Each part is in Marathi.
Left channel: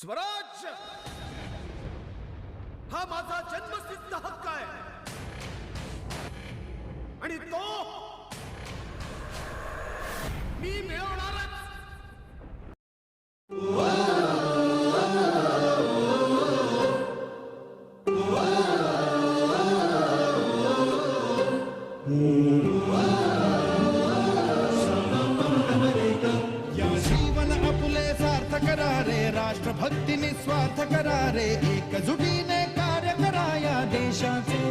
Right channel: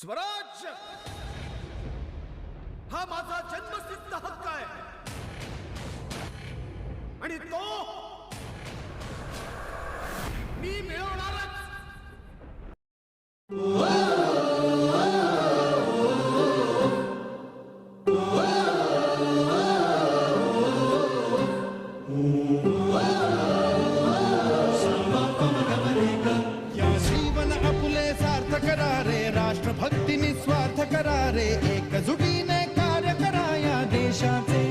स्वराज्य हा माझा जन्मसिद्ध हक्क आहे आणि तो मी मिळवणारच. या जीवन आपुले सार्थ करा रे, राष्ट्रभक्ती निस्वार्थ करा रे, एकजुटीने कार्य करा या देशाचे.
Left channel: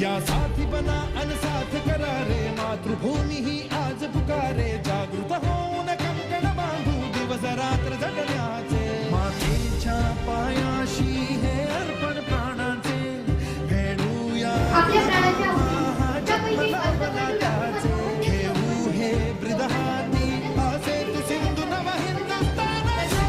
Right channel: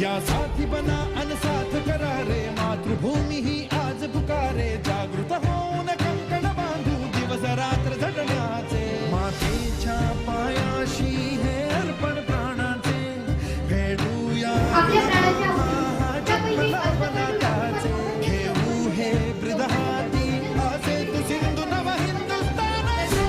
या साथी बना अनसाथ करा रे, मातृभूमी ही आज पुकारे. जागृत होऊन कंकण बांधू दिवस रात्र झटण्याचे. मातेच्या पायाशी हे अर्पण प्राणाचे, फेडूया त्याचे. घेऊ हे ब्रिद हाती असे तू सिंधू नव हिंदुस्थानाचे.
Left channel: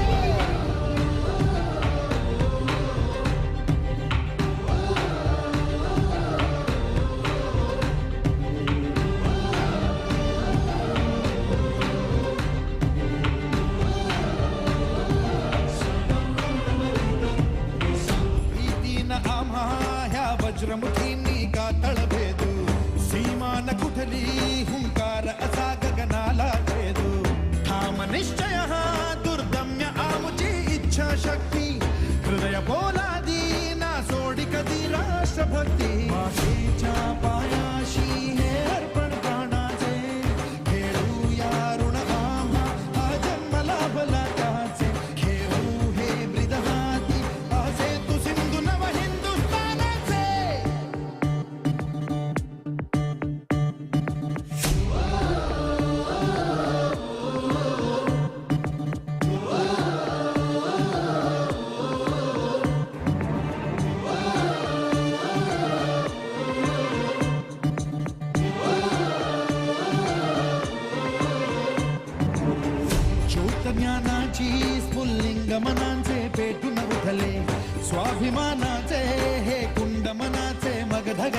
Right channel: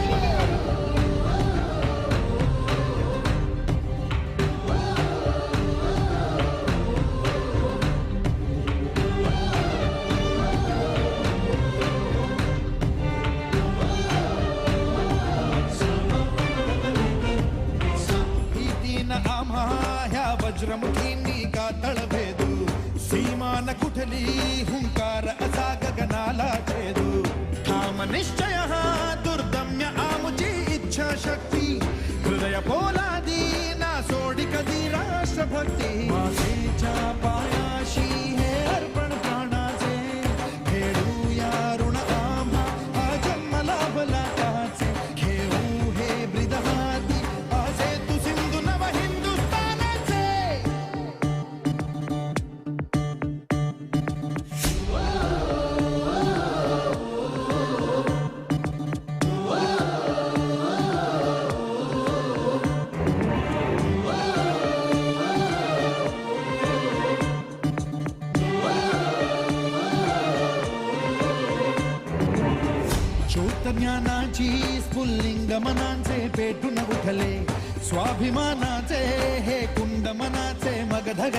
भीतीन आम्हा ह्या वज्रमुठींनी का तळभेदू. सीमा न कुठली हुंकार असा गगनाला छेदू. ठाम निश्चय हा दुर्दम्य आमुची इच्छा शक्ती. हृदय पोलादी ना सोडी कधी राष्ट्रभक्ती. मातेच्या पायाशी हे अर्पण प्राणाचे, फेडूया ऋण आम्हा हा जन्म लाभला त्याचे. घेऊ हे ब्रिद हाती असे तू सिंधू नव हिंदुस्थानाचे. ज्योत ज्ञानाची स्फुल्लिंग मनांचे पेटून उठले. स्वाभिमानाचे हे कुंड मनाचे मगधग